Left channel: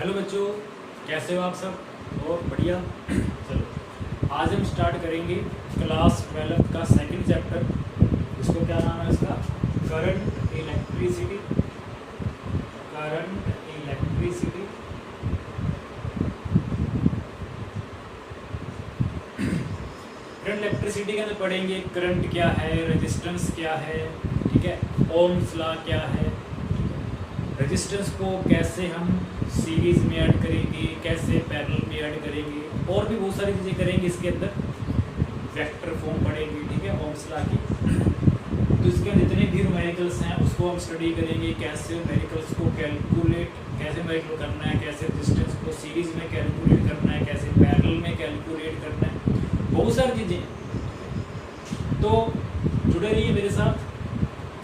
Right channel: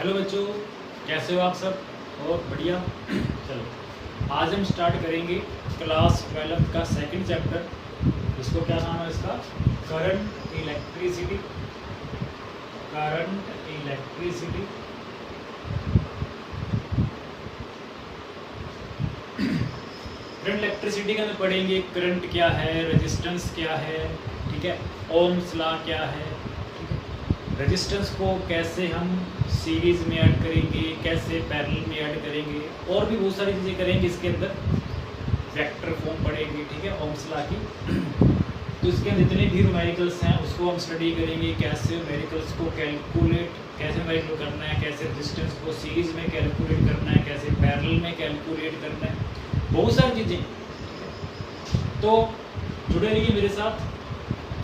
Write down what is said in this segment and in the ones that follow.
Hello बच्चों, कैसे हो आप सब? और बढ़िया। चलो आज हम स्टार्ट करेंगे क्लास 12 का सेकंड चैप्टर। इसको क्या नाम है इसका? Current electricity. Current electricity. Current electricity के अंदर पढ़ेंगे करंट क्या है, रेजिस्टेंस क्या है, ठीक है, ओम्स लॉ क्या है, रेजिस्टेंस को कैसे हम सीरीज़ में ऐड करेंगे, कैसे पैरेलल में ऐड करेंगे, और भी बहुत सारी चीज़ें करेंगे इसके अंदर। वेक्टर फॉर्म पढ़ेंगे, ठीक है, ओम्स लॉ की। तो इसके जितने भी न्यूमेरिकल्स हैं उसको हम स्टडी करेंगे, कैसे न्यूमेरिकल्स को कैलकुलेट, कैसे न्यूमेरिकल करना है, कैसे रेजिस्टेंस को सीरीज़ में कैलकुलेट करना है, कैसे पैरेलल में कैलकुलेट करना है, बहुत सारी चीज़ें। तो जुड़े रहिए मेरे साथ,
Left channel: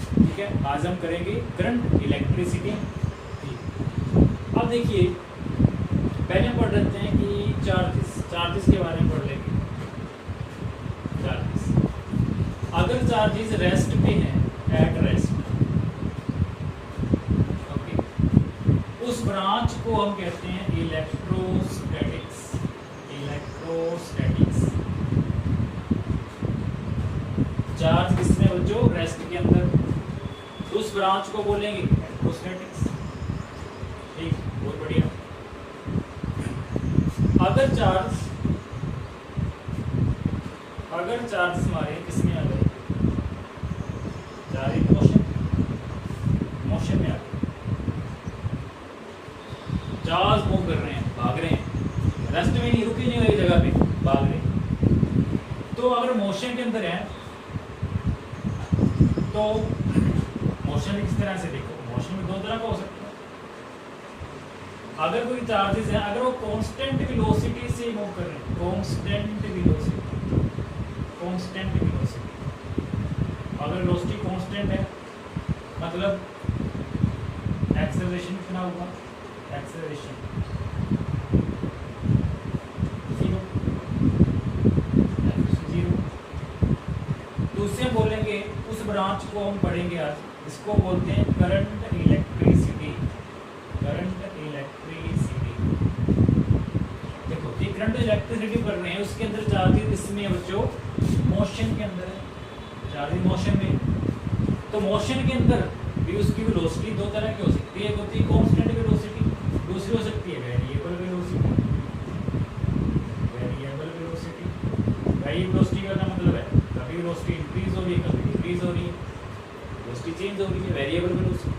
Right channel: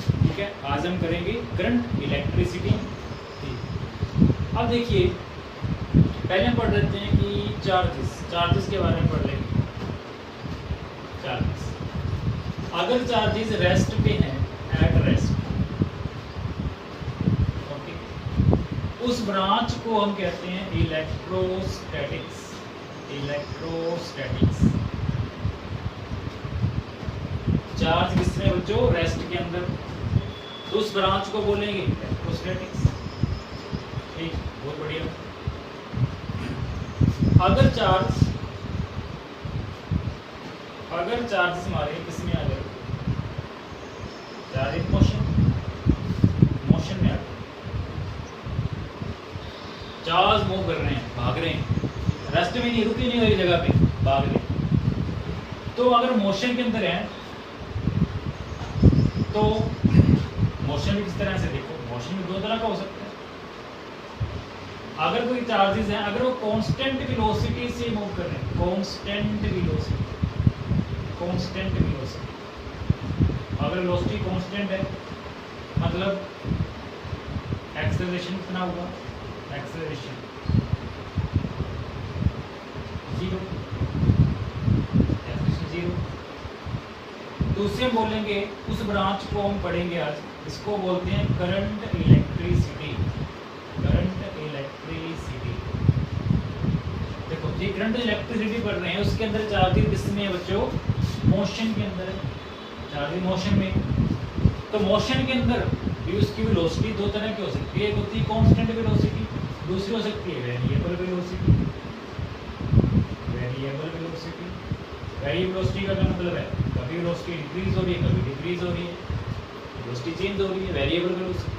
ठीक है। आज हम करेंगे करंट इलेक्ट्रिसिटी। अब देखिए, पहले हम पढ़ लेते हैं कि चार्जेस के बारे में पढ़ लेंगे। चार्जेस, अगर चार्जेस रेस्ट पे हैं, एट रेस्ट, ओके, उस ब्रांच को हम कहते हैं इलेक्ट्रोस्टैटिक्स। इलेक्ट्रोस्टैटिक्स। चार्ज किसमें बच्चों? रेस्ट के अंदर, तो उस ब्रांच को बोलेंगे इलेक्ट्रोस्टैटिक्स। ठीक, बहुत बढ़िया। अगर चार्ज हमारे किसमें आ गए? चार्ज मोशन में आ गए। चार्ज मूव कर रहे हैं, भाग रहे हैं, रेस्ट में नहीं, रुके नहीं एक जगह पे, भाग रहे हैं। तो अगर मोशन के अंदर है तो मोशन भी किस तरह से देखो, मोशन भी दो तरह का हो सकता है। अगर कोई चार्जेस हैं, अगर वो कांस्टेंट वेलोसिटी से मूव कर रहे हैं, कांस्टेंट वेलोसिटी, अगर वेलोसिटी कांस्टेंट है मतलब एक्सेलरेशन कितना होगा? Acceleration zero. तो उससे बोलेंगे, उस ब्रांच को हम पढ़ेंगे आज, इसको बोलते हैं करंट इलेक्ट्रिसिटी। Current electricity. देखो ये करंट इलेक्ट्रिसिटी पढ़ रहे हैं, उसके अंदर चार्जेस किसमें बच्चों? मोशन के अंदर है। चार्जेस मोशन में, तो मोशन के अंदर भी उसकी वेलोसिटी दो तरह की हो सकती है। एक होती है कांस्टेंट वेलोसिटी, दूसरी हो सकती है variable velocity. Variable velocity, variable velocity का क्या मतलब है? कभी वेलोसिटी इंक्रीज हो रही है, कभी डिक्रीज हो रही है, वेलोसिटी चेंज हो रही है, वेरिएबल वेलोसिटी।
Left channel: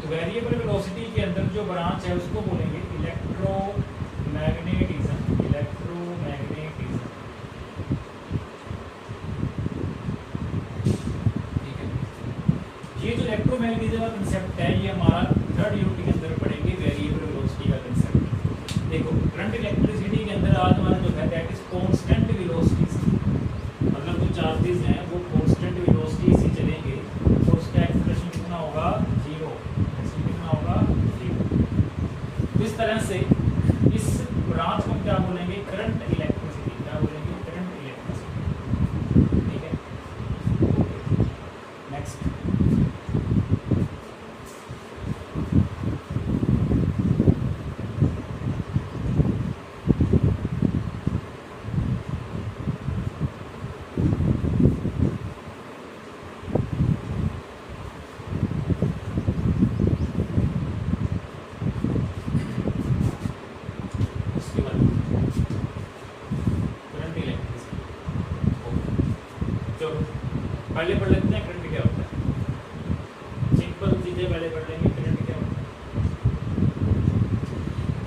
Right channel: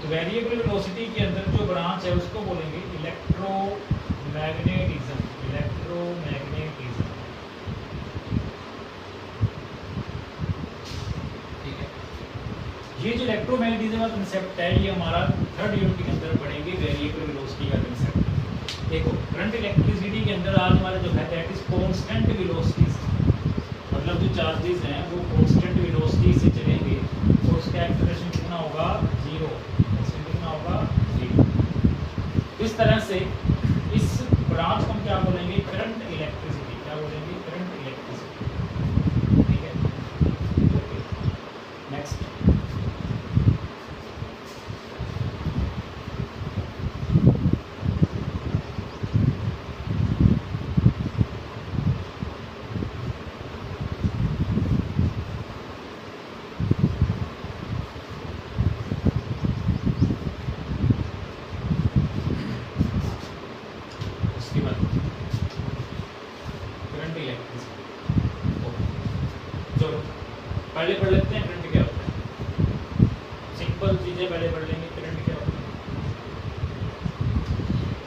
तो वेरिएबल वेलोसिटी के अंदर जो ब्रांच है उसको बोलेंगे इलेक्ट्रोमैग्नेटिज्म। इलेक्ट्रोमैग्नेटिज्म, ठीक है। ये जो इलेक्ट्रोमैग्नेटिज्म का कंसेप्ट है, ये हमारा थर्ड यूनिट के अंदर पढ़ेंगे, वेरिएबल वेलोसिटी का कंसेप्ट। देखो करंट इलेक्ट्रिसिटी के अंदर आज हमारा जो है दैट इज कांस्टेंट वेलोसिटी, मतलब जो चार्जेस हैं वो कांस्टेंट वेलोसिटी से चलेंगे तो उसका एक्सेलरेशन कितना होगा? जीरो। एक्सेलरेशन कितना होगा? जीरो। इस तरह से इस ब्रांच को हम क्या बोलेंगे? Current electricity. क्या बोलेंगे? करंट इलेक्ट्रिसिटी, ठीक है। Okay, next. करंट इलेक्ट्रिसिटी, चलो पहले पढ़ लेते हैं करंट क्या होता है। सिंपल चीजें पहले पढ़ लेंगे। करंट क्या होता है?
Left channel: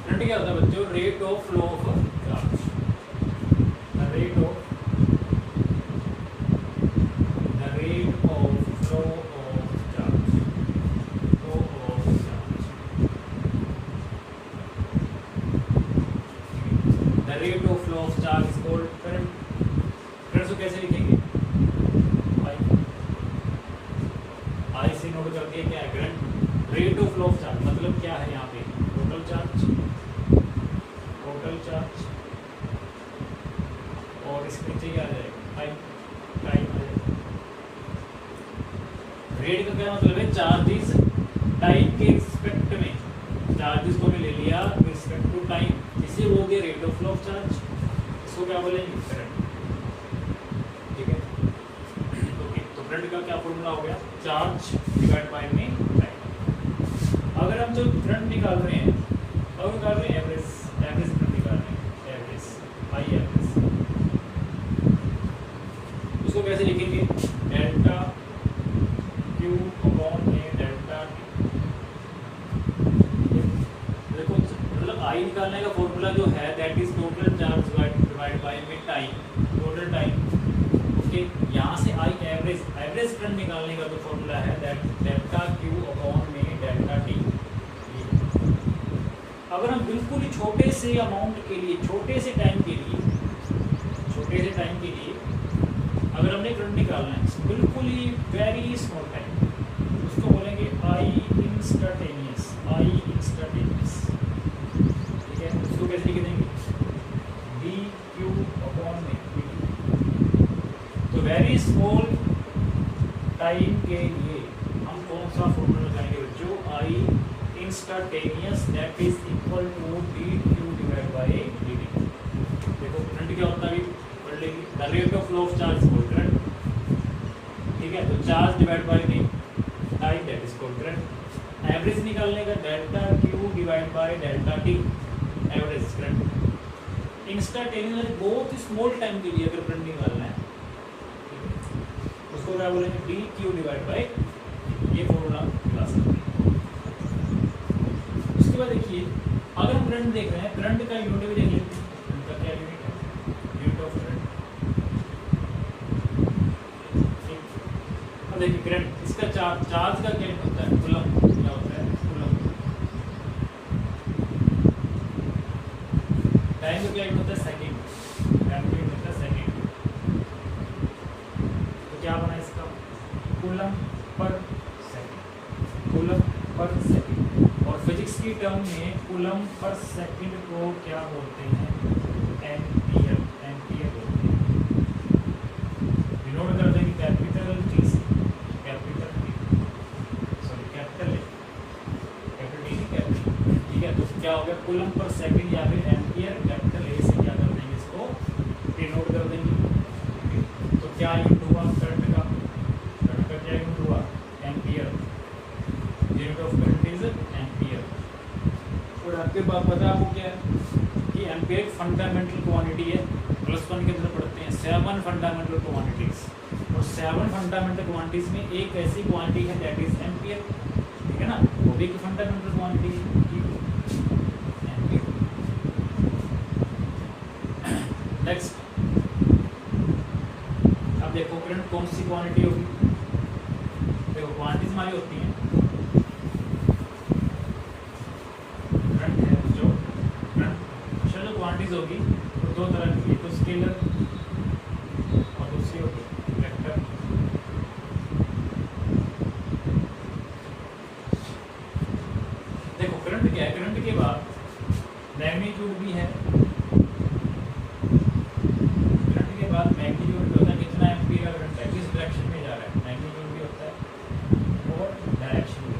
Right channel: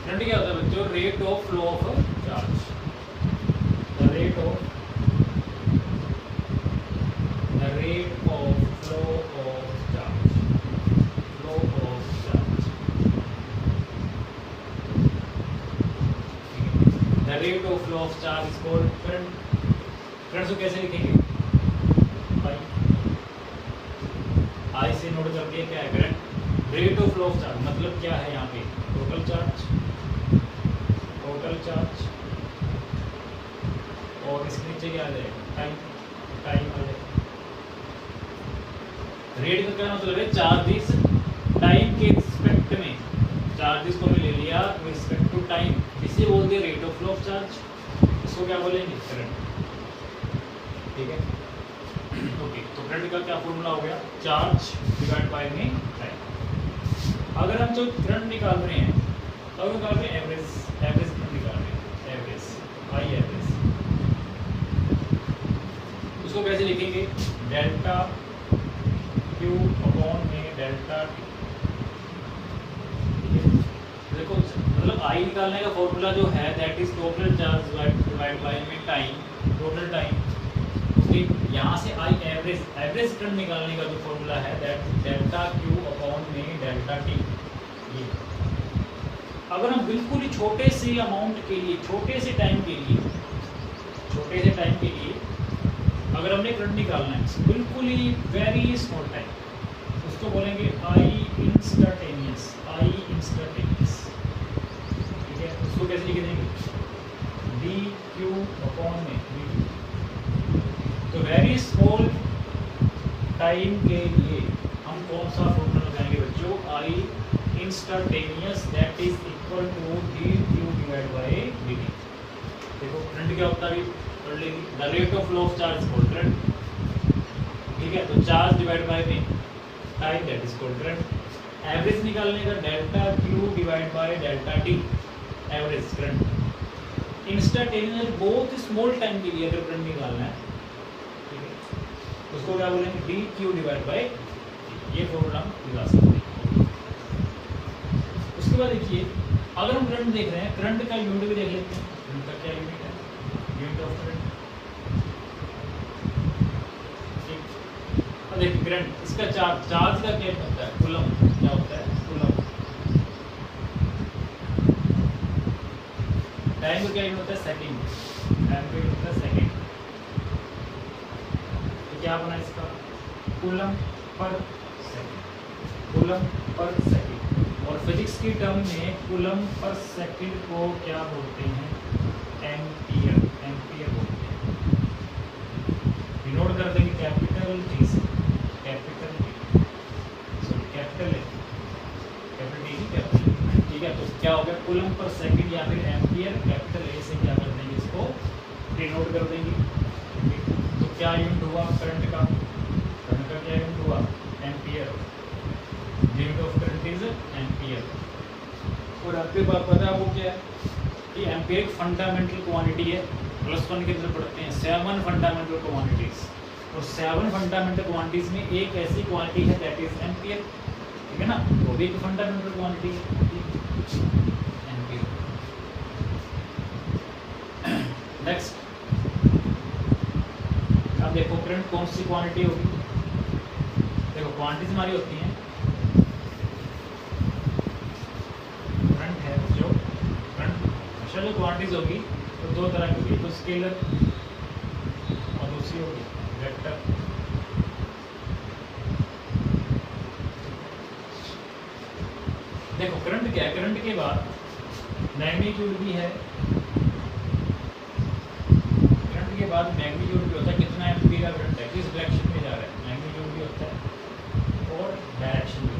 करंट क्या होता है बच्चों? Rate of flow of charge. The rate of flow of charge. Flow of charge, the rate of flow of charge is called current. Current को कैसे लिखेंगे? आई से नोट करके क्या है current? Rate of flow of charge मतलब क्या है? यहाँ पे टोटल चार्ज, और इसके नीचे क्या आ जाएगा? टाइम। टाइम आ जाएगा। रेट का क्या मतलब है? चार्जेस टाइम के रिस्पेक्ट में चार्जेस को भी ले लिया विद रिस्पेक्ट टू टाइम, इसे बोलते हैं rate of flow of charge, इसको क्या बोलेंगे करंट। ठीक है, ओके। तो करंट का क्या फॉर्मूला हो गया, चार्ज डिवाइड बाय में टाइम। अगर हम जो करंट निकाल रहे हैं, अगर निकाल रहे हैं एवरेज करंट निकाल रहे हैं, एवरेज आई एवरेज, उसको कैसे लिखेंगे, डेल्टा क्यू अपॉन ए डेल्टा टी। देखो मतलब आई निकालने का फॉर्मूला जो है that is total charge divide by में टाइम, टोटल टाइम। ओके, यहाँ से आई एवरेज करंट निकालने का जो फॉर्मूला है दैट डेल्टा क्यू अपॉन में डेल्टा टी। अगर हम बिल्कुल ही छोटे से अमाउंट के लिए, छोटे से टाइम के लिए अगर हमने करंट निकालना है बिल्कुल ही वेरी स्मॉल टाइम, उसको बोलेंगे आई इंस्टेंटेनियस। ठीक है, उसको कैसे लिख देंगे, डी क्यू अपॉन में dt। तो वेरी स्मॉल टाइम के लिए हम कौन सा फॉर्मूला लगाएंगे बच्चों, I instantaneous that is equal to D Q divide by dt। देखो करंट क्या होता है, पढ़ लेंगे, the rate of flow of charge called current. ठीक है, तो चार्ज डिवाइड बाय में time that is called current. Average निकालने का delta Q divide by delta T, average current. Instantaneous बहुत स्मॉल टाइम के लिए अगर करंट निकालना है, ठीक है, उसको क्या बोलेंगे, डी क्यू डिवाइड बाय, ये फॉर्मूला हम निकाल सकते हैं। उसके बाद देखिए अगर हम करंट देख रहे हैं, करंट का यूनिट भी देख लेते हैं, उनका क्या यूनिट है, यूनिट ऑफ करंट। अब देखिए करंट, इसका चार्ज का क्या होता है, कूलम, क्या होता है कूलम। टाइम का क्या यूनिट होता है, सेकंड, टाइम का यूनिट है सेकंड। तो क्या बना इसका, coulomb per second, coulomb per second. और फिजिक्स की टर्म में कूलम पर सेकंड को क्या बोलते हैं, एम्पियर, एम्पियर बोलते हैं। नोट कर देंगे कैपिटल टी से, कैपिटल कैपिटल, ठीक है। तो क्या हो गया, कूलम पर सेकंड या फिर एम्पियर, कैपिटल ए से क्या कर देंगे, इसको डिनोट कर देंगे। तो क्या यूनिट हुआ करंट का, क्या यूनिट हुआ, ampere. Unit of current is ampere. और आपके पास पता है आपको क्या है कि एम्पियर एक फंडामेंटल क्वांटिटी है, +1 के अंदर पढ़ते हैं 7 फंडामेंटल क्वांटिटीज, और 7 फंडामेंटल क्वांटिटीज में एक ऐसी क्वांटिटी है दैट इज एम्पियर। ठीक है ना, वो भी एक फंडामेंटल क्वांटिटी है, एम्पियर। नेक्स्ट, अब देखो करंट कौन सी क्वांटिटी होगी, देखो क्वांटिटीज हमारी होती हैं, करंट है जो करंट, अच्छा जो क्वांटिटीज होगी तो दो तरह की, एक तो स्केलर और दूसरी होगी वेक्टर। देखो करंट क्या है, करंट के बाद मैग्नीट्यूड भी है, करंट के बाद मैग्नीट्यूड भी होता है, कितना एम्पीयर का करंट है, किस डायरेक्शन में जा रहा है, मैग्नीट्यूड भी होता है और डायरेक्शन भी।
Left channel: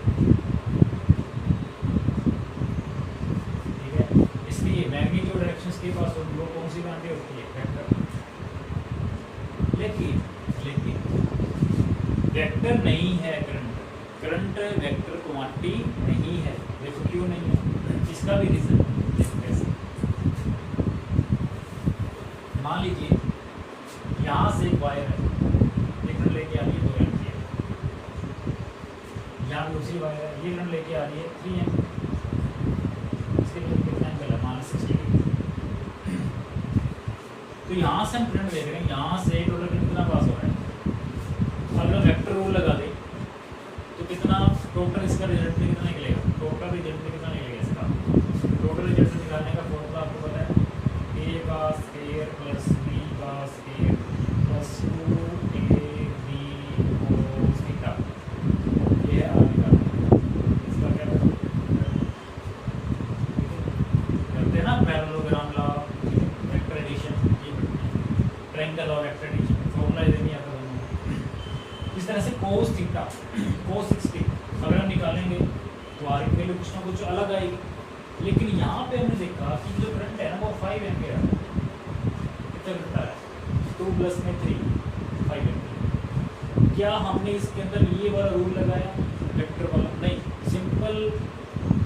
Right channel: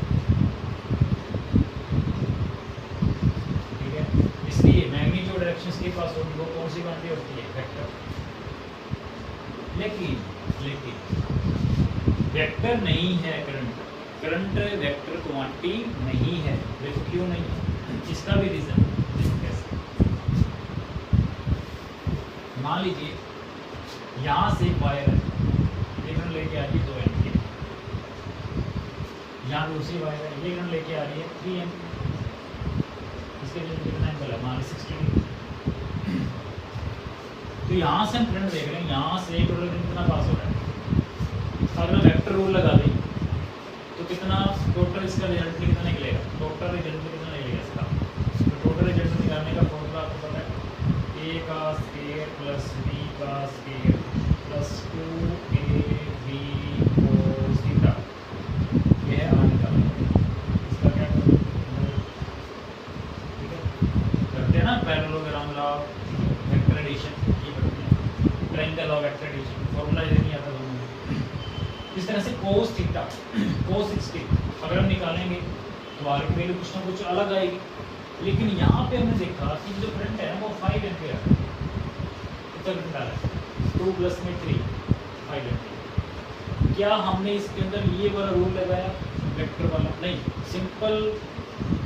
ठीक है, इसलिए मैग्नीट्यूड डायरेक्शंस के पास होगी, वो कौन सी क्वांटिटी होती है, वेक्टर। लेकिन वेक्टर नहीं है करंट, करंट वेक्टर क्वांटिटी नहीं है। देखो क्यों नहीं है, इसका भी रीजन कैसे। मान लीजिए यहाँ से वायर है, ये करंट लेके आ रही है 2 एम्पीयर, यहाँ दूसरी वायर है, ये करंट लेके आ रही है 3 एम्पीयर, इसके लिए कितना एंगल है, मान 60 डिग्री। तो यहाँ से हम करंट देख रहे हैं, यहाँ से टोटल कितना पास हो रहा है। अगर वेक्टर रूल लगा दें तो कितना टोटल इसका रिजल्ट कितना निकलेगा, टोटल रिजल्ट कितना निकलेगा इसका। तो टोटल रिजल्ट निकालने का फॉर्मूला आपको पता है, a का स्क्वायर प्लस b का square plus 2ab cos theta, ये है आर निकालने। इसका क्या करते हैं ना, पैरेललोग्राम लॉ, वेक्टर एडिशन, ये पढ़ते हैं, triangle law, vector addition, formula ये नहीं आता दोनों। इस तरह से cos थीटा, cos 60 अगर हम निकालेंगे तो आर की वैल्यू कुछ ना कुछ अलग आएगी। लेकिन यहाँ पे हमने देखा कि जो करंट है ना वो 5 एम्पियर है, कितना करंट आ रहा है 2 + 3 5 एम्पियर। क्या हमने इसके अंदर ये वाला रूल लगाया वेक्टर वाला? नहीं, सिंपल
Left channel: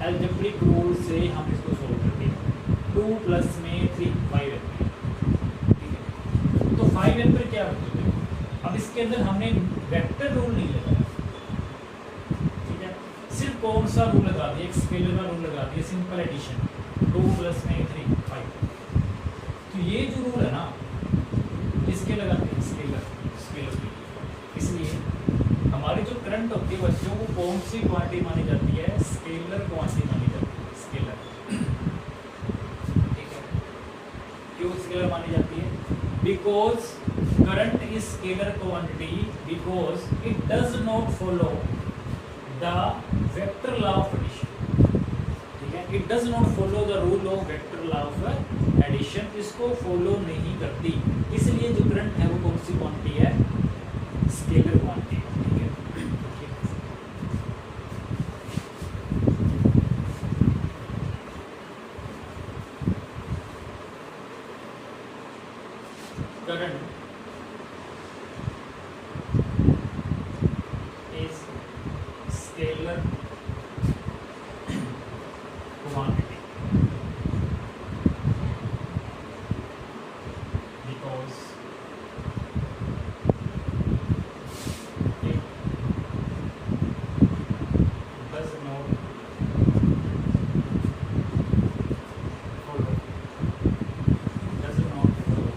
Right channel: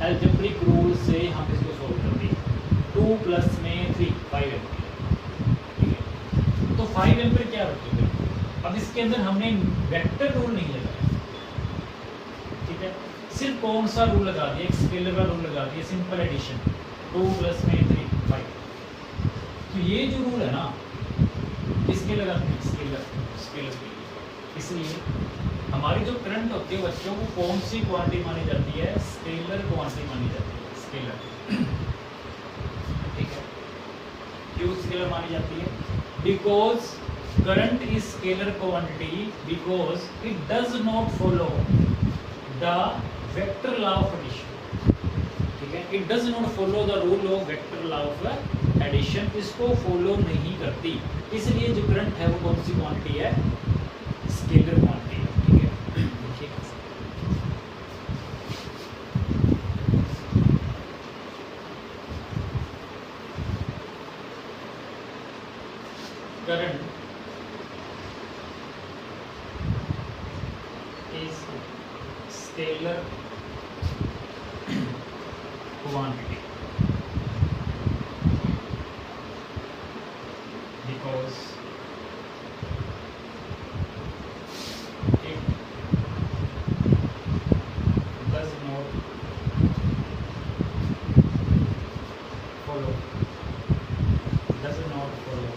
एल्जेब्रिक रूल से हम इसको सोल्व कर दिए। 2 + 3 5 एम्पियर, ठीक है। तो 5 एम्पियर क्या होते हैं? अब इसके अंदर हमने वेक्टर रूल नहीं लगाया, ठीक है, सिर्फ कौन सा रूल लगा दिया? एक स्केलर का रूल लगा दिया, सिंपल एडिशन 2 + 3 5। तो ये जो रूल है ना, किसके लगाते हैं? स्केलर के लिए। इसलिए हमारी जो करंट होती है बच्चों को कौन सी क्वांटिटी मानी जाती है? स्केलर क्वांटिटी मानी जाती है, स्केलर, ठीक है। क्यों स्केलर मानी जाती है? Because current is scalar quantity because it does not follow the vector law of addition, ठीक है। it does not follow the rule of vector law of addition, इसको फॉलो नहीं करती, इसलिए जो करंट है वो कौन सी क्वांटिटी है? स्केलर क्वांटिटी है, ठीक है। Current scalar quantity because it does not follow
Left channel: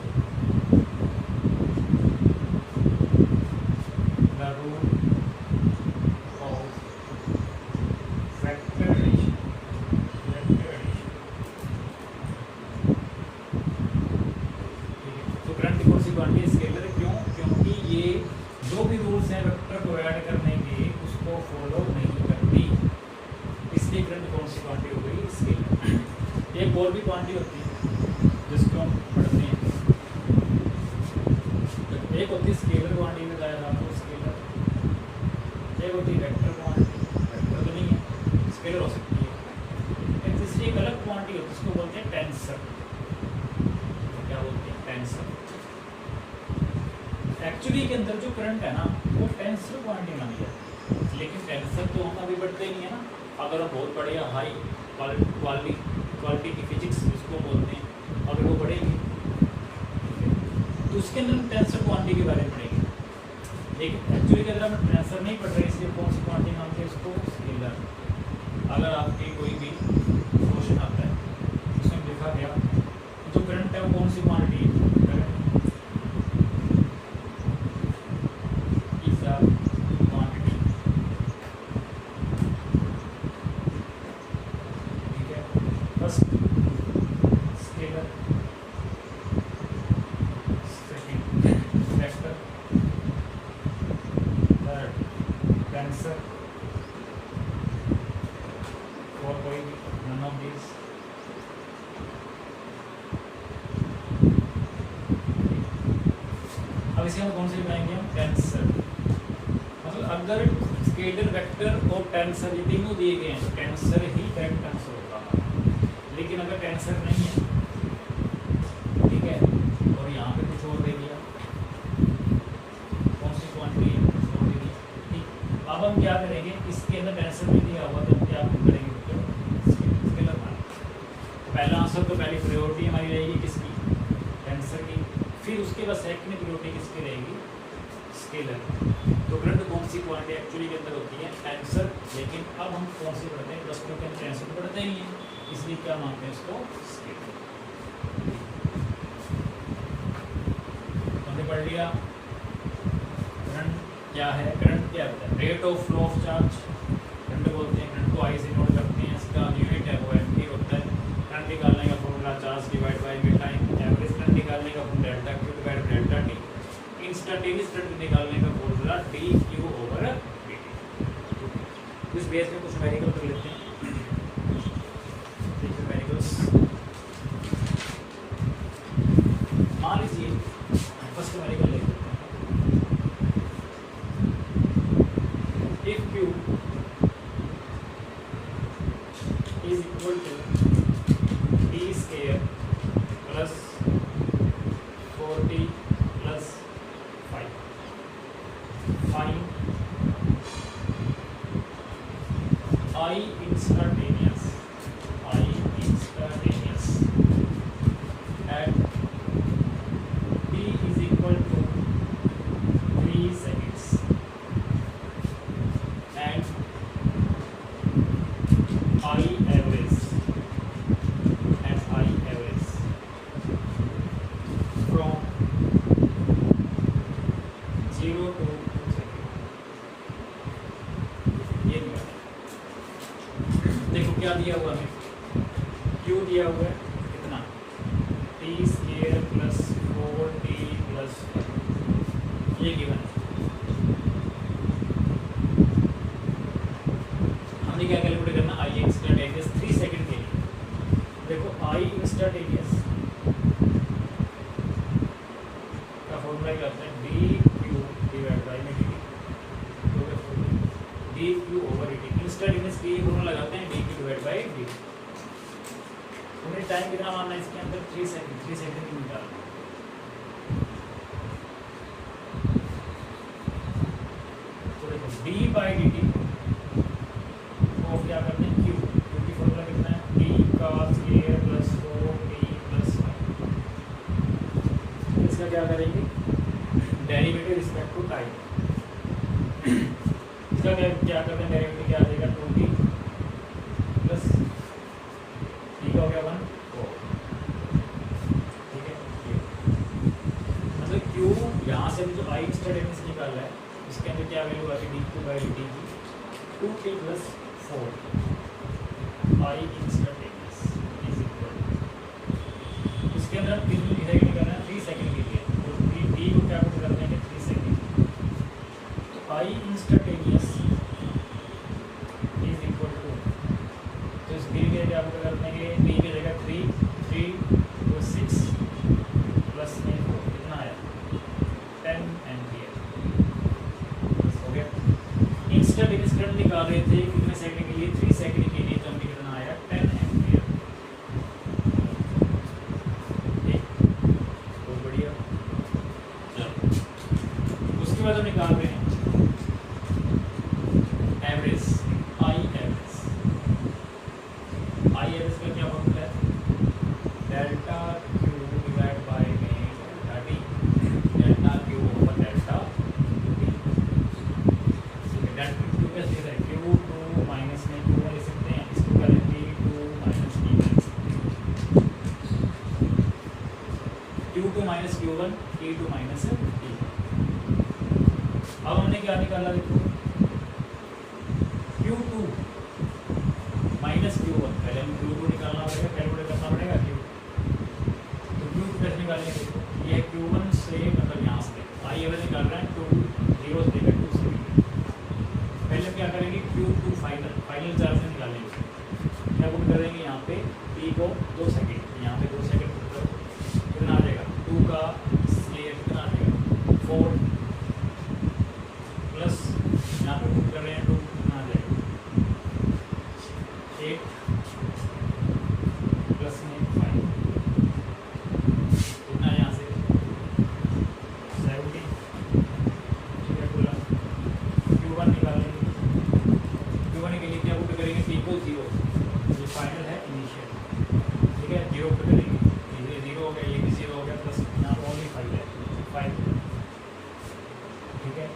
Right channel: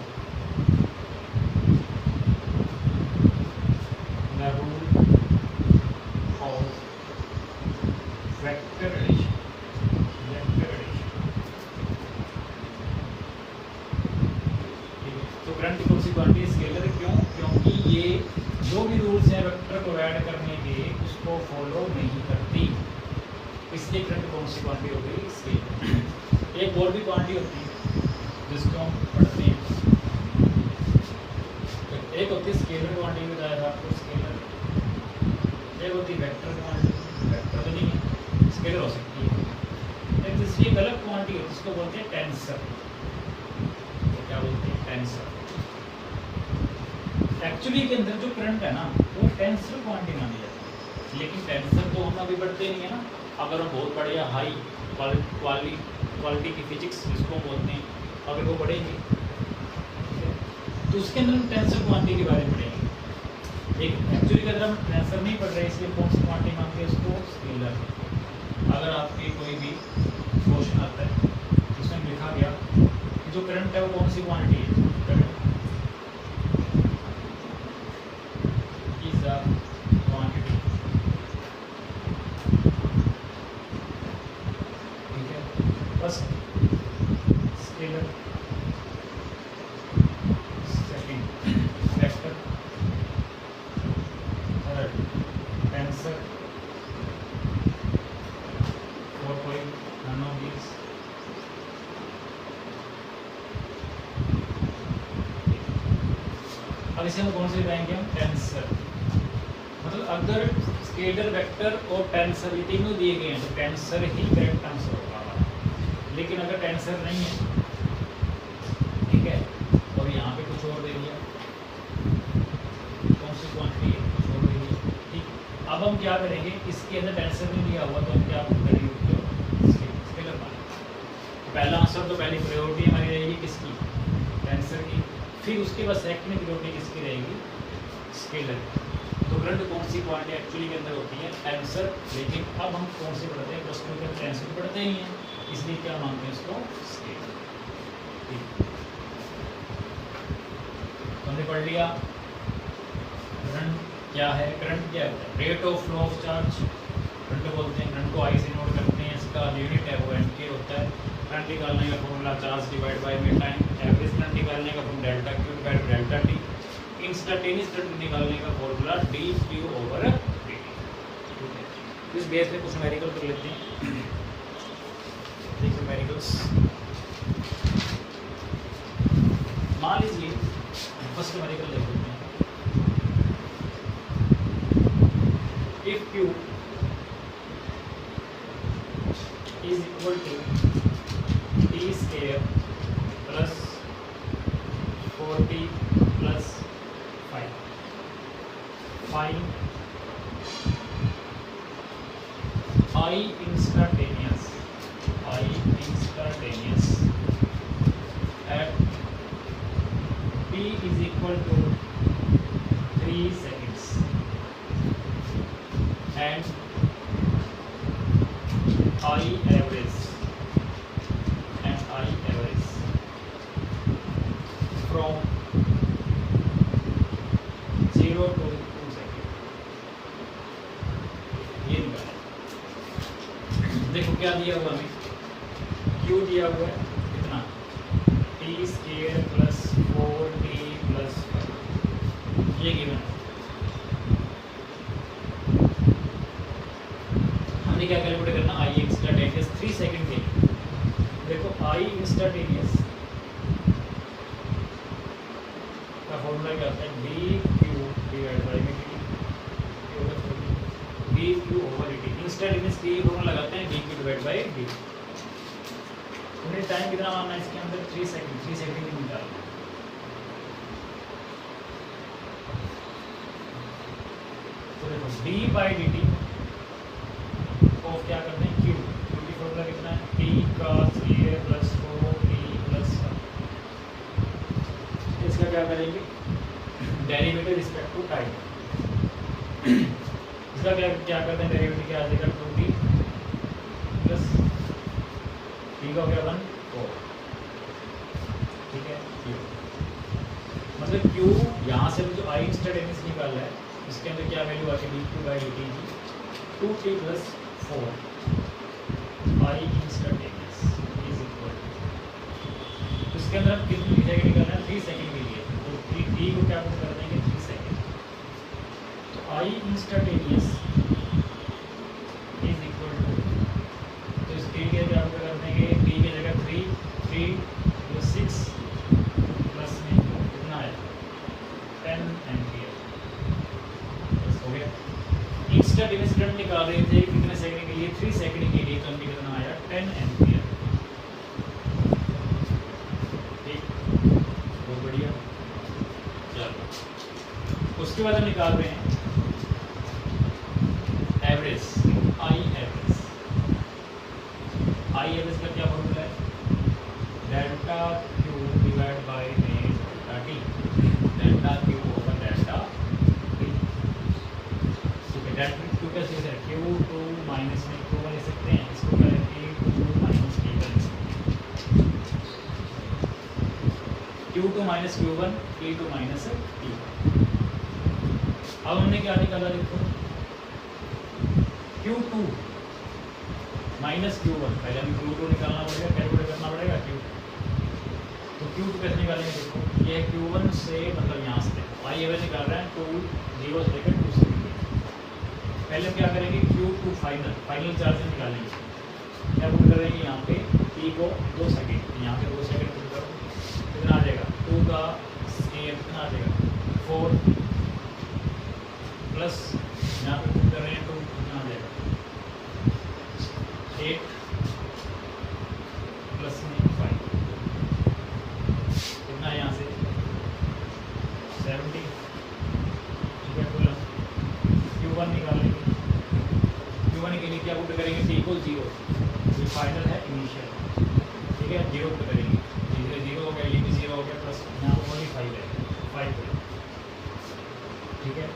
the rule of vector addition, ठीक है। तो करंट कौन सी क्वांटिटी स्केलर? क्यों? क्योंकि ये जो भी रूल्स हैं वेक्टर को ऐड करने के उसको फॉलो नहीं करती, इसलिए करंट कौन सी क्वांटिटी हो गई? स्केलर। एक और भी क्वांटिटी होती है जिसको हम पढ़ते हैं, एक होती है स्केलर क्वांटिटी, बताया था आपको स्केलर। एक होती है वेक्टर क्वांटिटी, वेक्टर तो नहीं है, स्केलर हो सकती है। एक तीसरी एक अलग क्वांटिटी होती है, इसको बोलते हैं टेंसर। तो क्या बोलते हैं? टेंसर। एक्चुअली के अंदर जो करंट है ना वो टेंसर क्वांटिटी मानी जाती है, लेकिन टेंसर तो हम अभी पढ़ते नहीं है ना। अगर हम बहुत बढ़िया हाई क्वालिटी की फिजिक्स जिसको बोलते हैं अभी वो पढ़ेंगे, तो उसके अंदर हम टेंसर क्वांटिटी के बारे में पढ़ेंगे। लेकिन एक्चुअली के अंदर हम टेंसर नहीं पढ़ रहे, इसलिए कौन सी क्वांटिटी मानते हैं? उसको स्केलर। अगर आपके कोई भी क्वेश्चन आता है उसमें लिखा गया जो करंट है वो कौन सी क्वांटिटी है? इज अ क्वांटिटी, ठीक है। First scalar, second vector, third tensor, और कोई नन ऑफ दीज। अब इसे हम कौन से लगाएंगे? हम टेंसर। मतलब अगर स्केलर, वेक्टर और टेंसर ये तीनों दिए गए हैं तो टेंसर ही करेक्ट आंसर होगा। लेकिन अगर टेंसर नहीं है, ठीक है, और यहाँ पे कुछ और दे दिया, कौन सी क्वांटिटी है? कुछ और दे दिया, ठीक। अब हम क्या करेंगे? इसके अंदर टेंसर नहीं दिया हुआ तो हम क्या करेंगे? स्केलर मानेंगे। पहला आंसर तो पहली प्रायोरिटी हमारी रहेगी किसकी? टेंसर की। फिर उसके बाद सेकंड प्रायोरिटी किसकी रहेगी? स्केलर। तो करंट कौन सी क्वांटिटी एक्चुअली के अंदर होती है? टेंसर। लेकिन अब हम कौन सी पढ़ते हैं? प्लस टू के टेंसर पढ़ते नहीं है, इसलिए क्या मानते हैं इसको? स्केलर। हमने पढ़ लिया करंट क्या है। करंट क्या होता है? Rate of flow of charge current बोलते हैं। करंट को आई से नोट करते हैं, इसका यूनिट है वो एम्पीयर होता है। करंट निकालने का formula charge divide by time. Average current निकालने का formula delta Q divide delta T. Instantaneous current निकालने का formula D Q over D T. इस बेस में कुछ न्यूमेरिकल कर लेते हैं। देखिए न्यूमेरिकल्स, मान लीजिए फर्स्ट न्यूमेरिकल देख लेते हैं। If Q is equal to T square plus 40 plus 5। Find I instantaneous at t is equal to 3 seconds and I average from 0 to 2 seconds। ये निकाल। देखो क्या दिया हुआ हमें, Q दिया हुआ है कितना, T square plus 4t plus 5, ये गिवन। हमने क्या कैलकुलेट करना, आई इंस्टेंटेनियस 3 सेकंड के लिए। देखो आई इंस्टेंटेनियस का फॉर्मूला क्या होता है, डी क्यू डिवाइड बाई में D Q over D T. Instantaneous की फॉर्मूला लगाते हैं D Q divide by D. हमने टाइम कितना मानना है इसके अंदर, 3 सेकंड। 3 सेकंड में निकालना। तो देखो डी बाई डी टी को क्या करते हैं, क्यू की फॉर्मूला कितना है, डी का स्क्वायर प्लस 4t प्लस 5। इसका क्या करेंगे, डेरिवेटिव रिस्पेक्ट टू टाइम। इसका क्या करते हैं, डेरिवेटिव क्या आ जाएगा, 2t प्लस टी का हो गया 1 4। ठीक है, मतलब क्यू यहाँ से जो आई इंस्टेंटेनियस निकाला है इसके अंदर क्या वैल्यू आती है, D Q by D T की 2t plus 4 I instantaneous is equal. उसके अंदर हम कितनी सेकंड करना है, 3 सेकंड के लिए। तो टी को क्या कर देंगे, 3 सेकंड। तो आई इंस्टेंटेनियस इज इक्वल टू, तो इस टी के क्या कर देंगे, टी की जगह 3 तो 6 प्लस में 4 कितना आया, 10 एम्पियर। हो गया। इंस्टेंटेनियस करंट निकाल रहे थे कितने सेकंड के लिए, 3 सेकंड के लिए। तो हमने कितना आया, 10 एम्पियर। ठीक, बहुत बढ़िया। चलो उसके बाद हम निकाल रहे हैं एवरेज, आई एवरेज का क्या फॉर्मूला है, delta Q divide by delta T, delta Q over delta T. Delta Q कैसे लिखा है, Q2 माइनस में Q1 ले सकते हैं, इसको करें T2 minus T1, Q2 minus Q1, T2 minus T1। अब हमने क्या निकाला, देखो Q2 माइनस Q1, पहले हमें Q2 निकालना पड़ेगा, कैलकुलेट करना पड़ेगा Q। तो Q2 कैसे निकालेंगे, देखो ये Q1 से मतलब यहाँ से आई एवरेज निकाल रहे हैं, 2 0 से लेकर 2 से। पहले क्या करेंगे, Q2 फाइनल चार्ज से निकालेंगे। क्या पुट करेंगे यहाँ पे, T को 2 सेकंड, यहाँ पे 2 सेकंड पुट करो, कितना आ जाएगा, 2 का स्क्वायर कितना आ जाएगा, 4 प्लस यहाँ पे पुट कर रहे हैं 2, कितना आ जाएगा, 8 प्लस में 5 कितना यहाँ से 70। ठीक है, Q1 निकाल लेंगे। Q1 के लिए क्या पुट करेंगे, T को 0, ये फाइनल है इनिशियल। ठीक है, 0 पुट करेंगे, ये 0 हो गया, ये भी 0 हो गया, प्लस यहाँ पर ओनली 5 है, 5। ठीक है,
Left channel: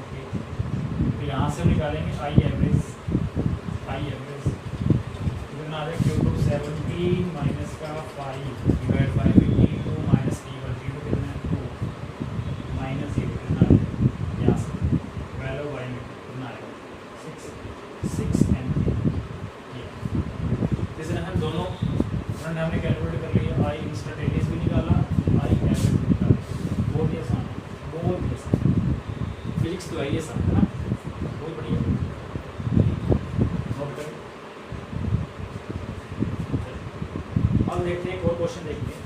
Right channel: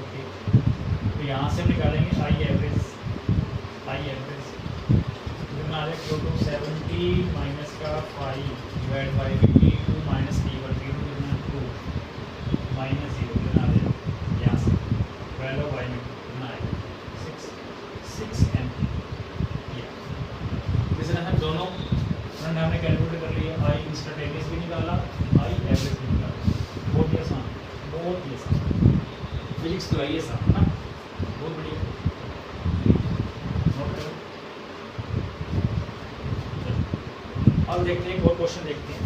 ओके। तो यहाँ से हम निकालेंगे आई एवरेज कितना आ रहा है, Q2 70 माइनस का 5 divide by T2 minus T1, T2 कितना है 2 माइनस 0 कितना आ जाएगा, यहाँ से वैल्यू बाई में कितना आएगा, 6 एम्पियर। जैसे हम दोनों फ्रंट हमने कैलकुलेट कर लिया, आई इंस्टेंटेनियस भी निकाला, आई एवरेज भी निकाला। बहुत ही आसान, बहुत ही आसान। फिजिक्स तो आई आसान है ना, बहुत बढ़िया। नोट करो। अब देखते हैं, एक और क्वेश्चन देखते हैं।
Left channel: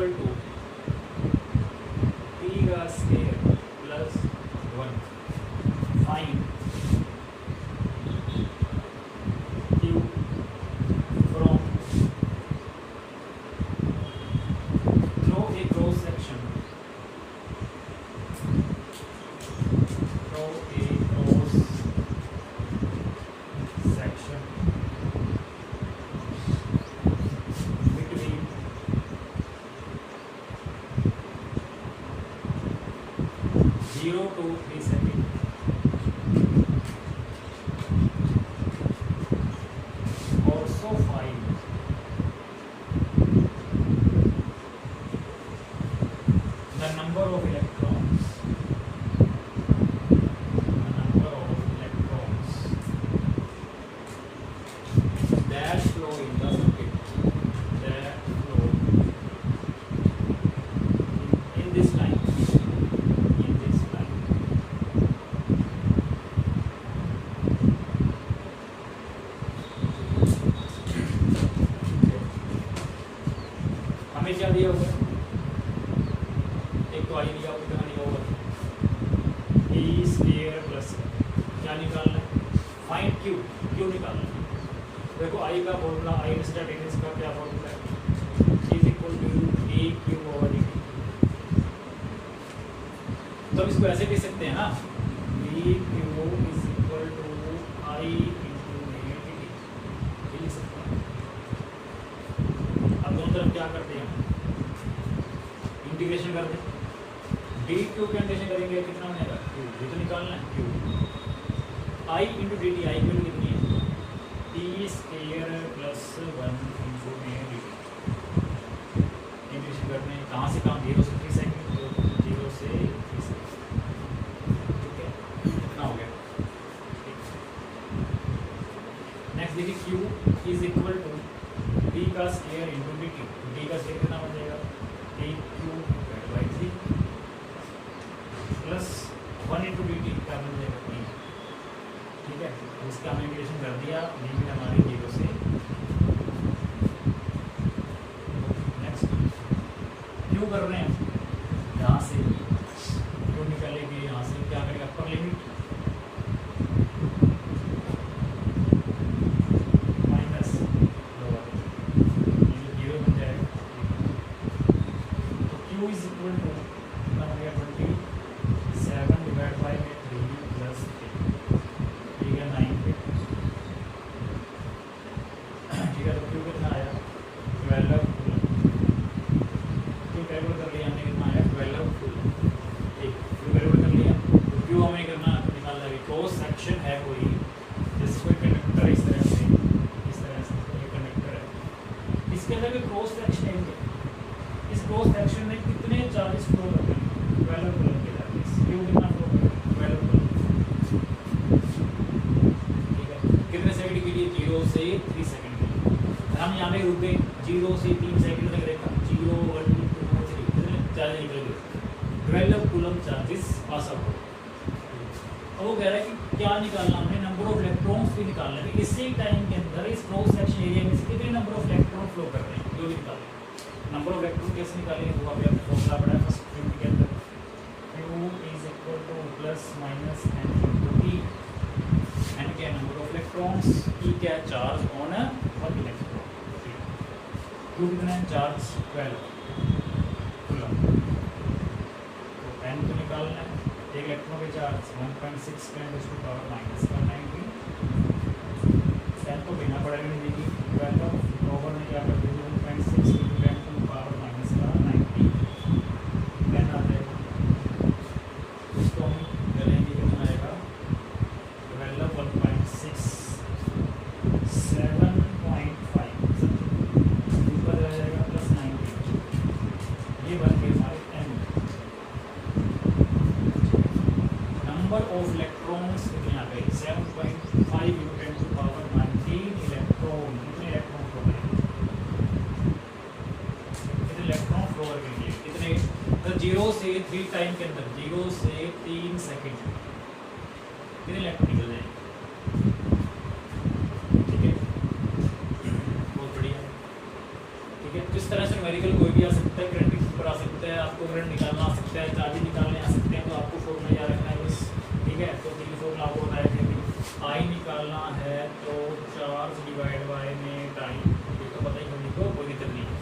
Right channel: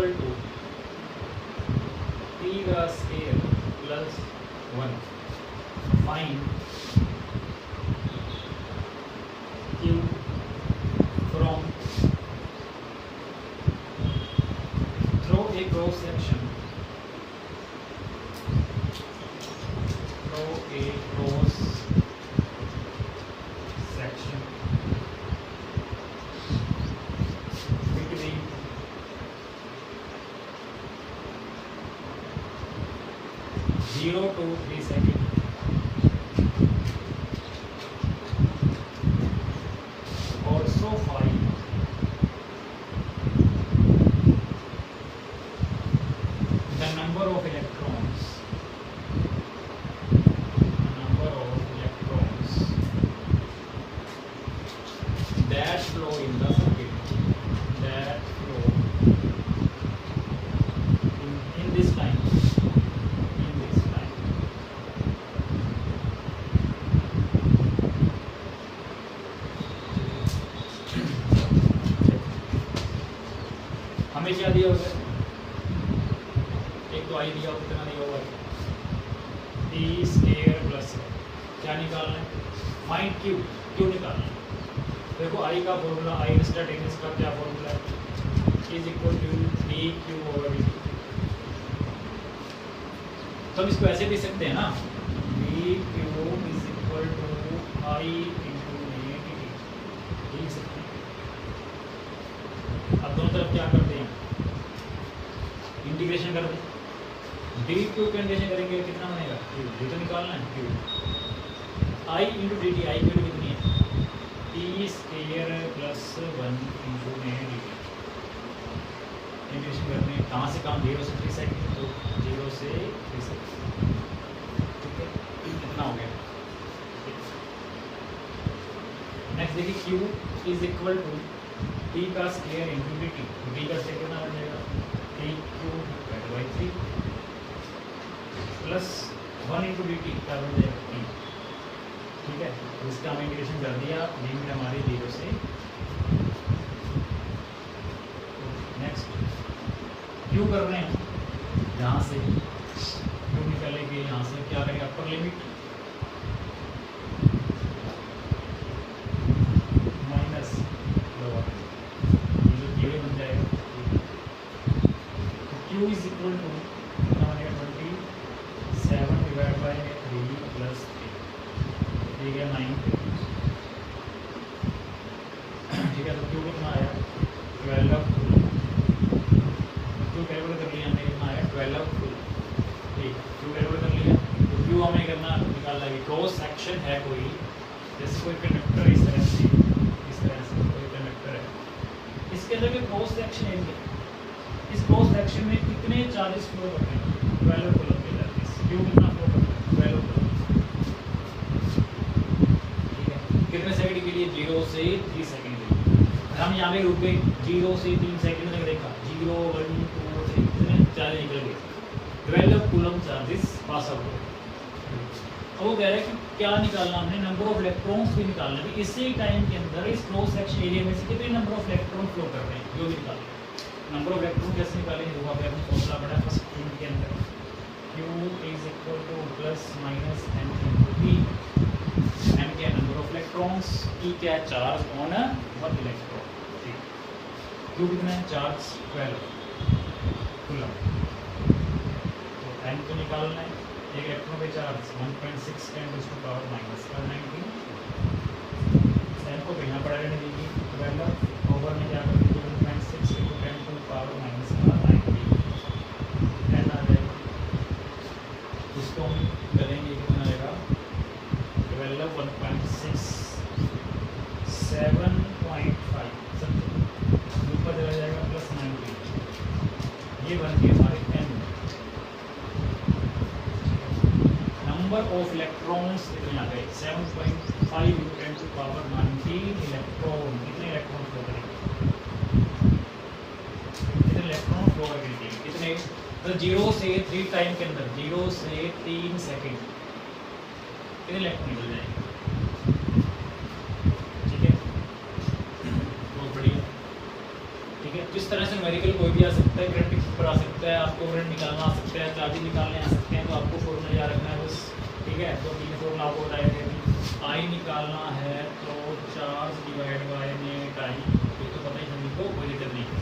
इक्वल टू टी का square plus 1 find Q from through a cross section between 0 to 3 seconds. Also find the number of electrons. That flow in the circuit. That flow in this line. हमें क्या दिया हुआ है? एक तो आई दिया हुआ, कितना दिया हुआ है? टी स्क्वायर प्लस क्या निकालना है? फाइंड क्यू, क्यू निकालना है। देखो आई का फॉर्मूला, आई इंस्टेंटेनियस का क्या फॉर्मूला है? Is equal to D Q over d. तो हम इसको ऐसे लिख सकते हैं ना, d Q is equal to I into d लिख सकते हैं। अब दोनों तरफ क्या करते हैं? इंटीग्रेशन कर दें। डी क्यू की इंटीग्रेशन करेंगे कितना बनेगा? क्यू, ये तो निकालना है क्यू। आई इंटू डी टी, आई की वैल्यू कितनी है? टी स्क्वायर प्लस 1 इंटू में डी टी। इंटीग्रेशन करने कहाँ से कहाँ? 0 से 3 सेकंड, तो 0 से 3 सेकंड। ठीक है, कितना हो गया? नेक्स्ट देखिए, Q is equal to T का square into D T. D का स्क्वायर कितना बन जाएगा? T Q by 3 plus 1 into D T क्या बन जाएगा? टी। ठीक है, तो इसका हमने इंटीग्रेशन कर दिया, लिमिट हमारी 0 से। नेक्स्ट क्यू कर रहे हैं, यहाँ से क्यू निकालेंगे, यहाँ से क्या करेंगे? अपर लिमिट माइनस लोअर, ये बन जाएगा। तो क्यू इज इक्वल टू कितना बनेगा? 27 डिवाइड बाई 3 प्लस 9 पे। ठीक है, तो क्यू कितना आया? 12 फुल। क्यू कैलकुलेट कर लिया हमने, कितना आया? 12 फुल। ठीक, क्यू कैलकुलेट कर लिया। तो क्यू हमें करना निकालना है कि क्रॉस सेक्शन है कोई, जैसे कोई कंडक्टर इस तरह से कोई कंडक्टर है, इसके अंदर भी क्रॉस सेक्शन है। इस क्रॉस सेक्शन में कितने चार्जेस फ्लो करते हैं? 12 फुल के चार्जेस। क्यू कितना फ्लो करते हैं? 12 फुल। कितने सेकंड के लिए? 0 से 3 सेकंड के लिए। हम यहाँ पे रुके 0 से 3 सेकंड तक देखा, 0 1 2 3 कितने चार्ज निकल गए? 12 कूलम चार्जेस पास आउट हो। अब वो कह रहा है कि क्या निकालना हमने? नंबर ऑफ इलेक्ट्रॉन्स भी निकालना है। इसी टाइम के अंदर इस क्रॉस सेक्शन एरिया में से कितने नंबर ऑफ इलेक्ट्रॉन फ्लो कर रहे हैं, जो भी निकालें। नंबर ऑफ इलेक्ट्रॉन कैसे निकालेंगे? वो अभी आपको फॉर्मूला पड़ा है फर्स्ट के अंदर, Q is equal two plus minus n into T. n क्या? Number of electrons. E क्या? Charge on one electron. ठीक, Q कितना है? Charge 12 coulomb. तो n तो निकालना है, एक इलेक्ट्रॉन पे charge 1.6 10 to power minus 19। n को बिना पढ़ाने में देगी 12 ओवर में क्या कर दीजिए? 1.6 into 10 to power minus 19 n आ जाएगा। उसको हम करेंगे, कितना आएगा? 12 1.6 7.5 ऊपर चला जाएगा प्लस 19। ये बन गए हमारे n। नंबर ऑफ इलेक्ट्रॉन्स यहाँ पे 7.5 इंटू 10 टू पावर 19 इलेक्ट्रॉन। कितने इलेक्ट्रॉन फ्लो करेंगे? कितने इलेक्ट्रॉन फ्लो करेंगे? कितने? तो 0 से 3 टाइम के अंदर, 0 से 3 सेकंड कितने इलेक्ट्रॉन निकल जाएंगे? ठीक है, बहुत बढ़िया। ठीक है, किस तरह से न्यूमेरिकल कोई भी आ सकता है, करंट सकता है, आपको करंट निकालना आ सकता है, चार्जिंग निकालने आ सकते हैं, तो आपको फॉर्मूला याद रखना है बस, ठीक है। तो तीन फॉर्मूला आपको बताए थे अभी। आई निकालना है तो चार्ज डिवाइड बाय नेट आई, ये तो पता ही सभी को, कोई दिक्कत नहीं है।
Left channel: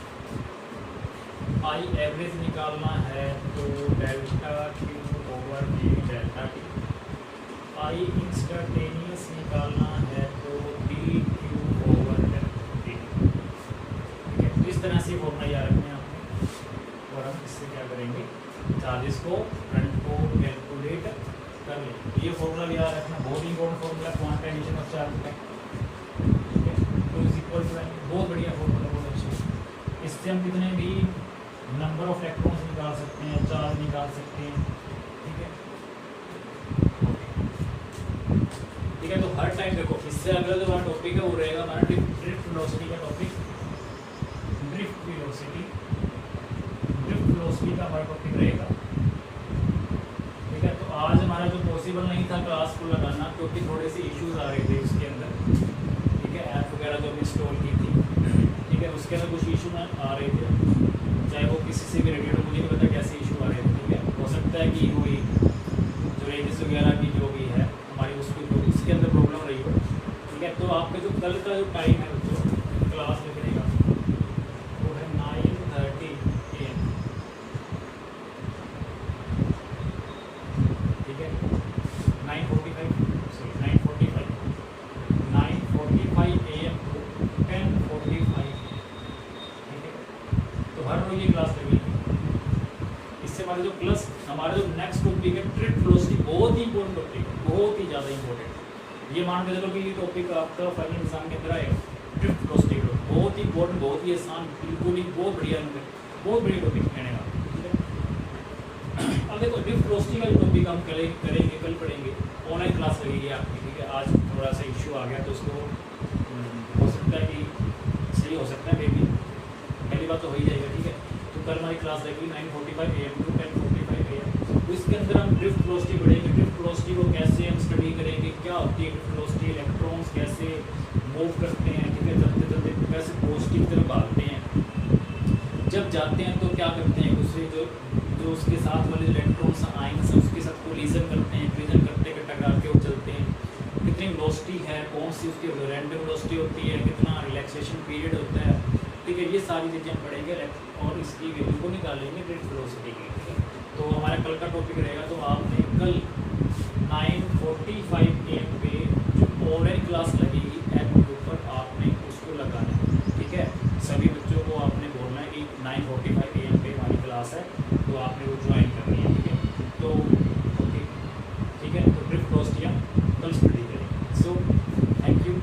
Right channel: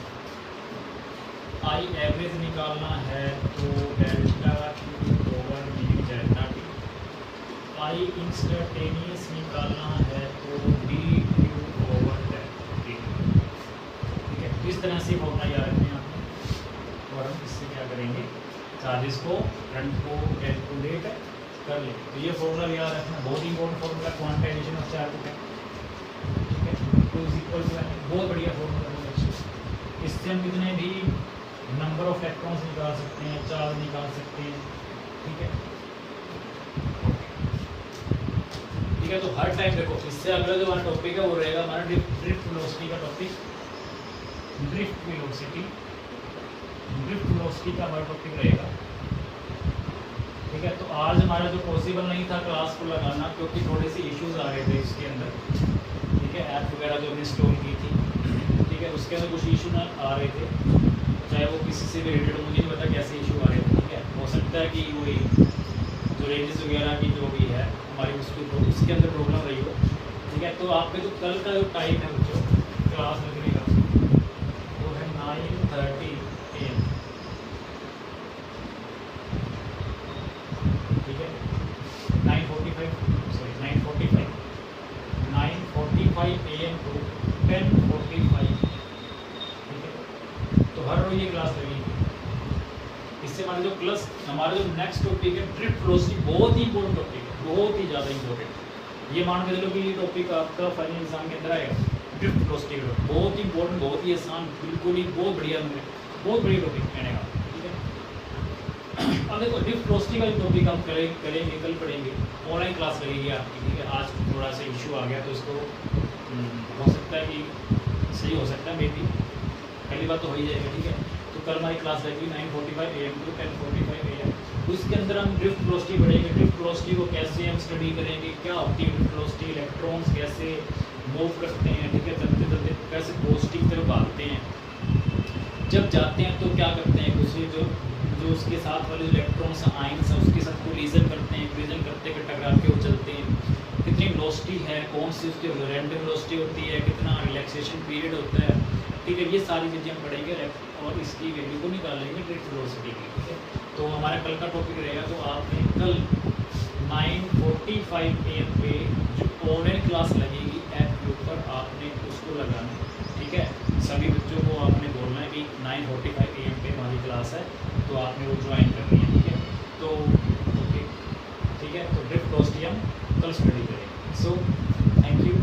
आई एवरेज निकालना है तो delta Q over D delta T. I instantaneous निकालना है तो डी क्यू ओवर टी, ठीक है। इस तरह से फॉर्मूला याद रखना है आपने, और हम इससे क्या करेंगे, चार्जेस को, करंट को कैलकुलेट कर लें। तो ये फॉर्मूला भी याद रखना, बहुत important formula quantization of charge का, ठीक है। तो इक्वल टू बहुत बढ़िया फॉर्मूला, बहुत अच्छा। इससे हम कितने भी नंबर ऑफ इलेक्ट्रॉन्स निकाल सकते हैं, चार्ज निकाल सकते हैं, ठीक है, ठीक है। तो हर टाइम देखो, इससे अगला जो हमारा टॉपिक है वो रहेगा हमारा ड्रिफ्ट वेलोसिटी का टॉपिक, ड्रिफ्ट वेलोसिटी का हमारा टॉपिक रहेगा, ठीक है। तो आज हमारा जो पॉसिबल नहीं था क्लास को लगाना, क्योंकि थोड़े से इश्यूज आ रहे थे इसके अंदर, ठीक है। ऐप वगैरह जो हमने इंस्टॉल की थी, ठीक है, उसके अंदर कुछ इशू आ रहे थे, चाहे वो किसी से भी रिलेटेड, मुझे नहीं पता कैसे इशू आ रहे थे, ठीक है। हो सकता है कि वही जो रेंजेस वगैरह की जो भी है हमारी उसके अंदर प्रॉब्लम रही हो, ठीक है। तो आपका जो कल का जो टाइम है बच्चों क्लास लगने का, वो है 9:30 AM, ठीक है। 9:45 AM टू 10:45, ठीक है। तो हर रोज ये क्लास लगेगी। इससे हमारे जो प्लस हमारे जो नेक्स्ट टॉपिक है ड्रिफ्ट वेलोसिटी, बहुत ही इंपॉर्टेंट टॉपिक है, बहुत ही ज़्यादा इंपॉर्टेंट। ये मान के चलो कि ये टॉपिक आपका फाइनल एग्जाम के अंदर आएगा, ड्रिफ्ट वेलोसिटी का, बहुत ही इंपॉर्टेंट, बहुत ही आसान, बिल्कुल ही बहुत बढ़िया, बहुत बढ़िया टॉपिक कहने का, ठीक है। अब देखो ड्रिफ्ट वेलोसिटी का जो टॉपिक हम करेंगे कल पढ़ेंगे, ऑनलाइन क्लास लगेगी आपकी, ठीक है। आज थोड़ा सा इशू आ गया तो इसको हो सकता है कि सही हो सकता है, मे बी पहली बात तो हो ही जाएगा, ठीक है। तो कल हमारी क्लास लगेगी 9:45 AM टू 10:45 AM। तो इसके अंदर हम ड्रिफ्ट वेलोसिटी पढ़ेंगे, ड्रिफ्ट वेलोसिटी को कैसे हम स्टडी करेंगे, क्या होती है ड्रिफ्ट वेलोसिटी, इलेक्ट्रॉन्स कैसे मूव करते हैं, ठीक है, चलते चलते कैसे पॉजिटिव तरफ भागते हैं, जब जाते हैं तो क्या करते हैं, दूसरे जो उसके साथ वाले इलेक्ट्रॉन्स आयंस हैं उसके साथ कोलिजन करते हैं, कोलिजन करते टकरा के वो चलते हैं, कितनी वेलोसिटी है, कौन सी उसकी रैंडम वेलोसिटी होती है, कितना रिलैक्सेशन पीरियड होता है, ठीक है। ये सारी चीज़ें हम पढ़ेंगे और इसकी वैल्यू को निकालेंगे ड्रिफ्ट वेलोसिटी की, ठीक है। तो हमारा कल का टॉपिक रहेगा, तो आपने कल 9:45 AM पे जो ऑनलाइन क्लास लगेगी ऐप के ऊपर, आपने उसको लगाना है, ठीक है। सभी बच्चों को आपने बोलना है कि 9:45 AM पे हमारी क्लास है, तो आपने वो ज्वाइन करनी है, ठीक है। तो ओके, ठीक है। तो ड्रिफ्ट वेलोसिटी हम कल स्टडी करेंगे। So thank you.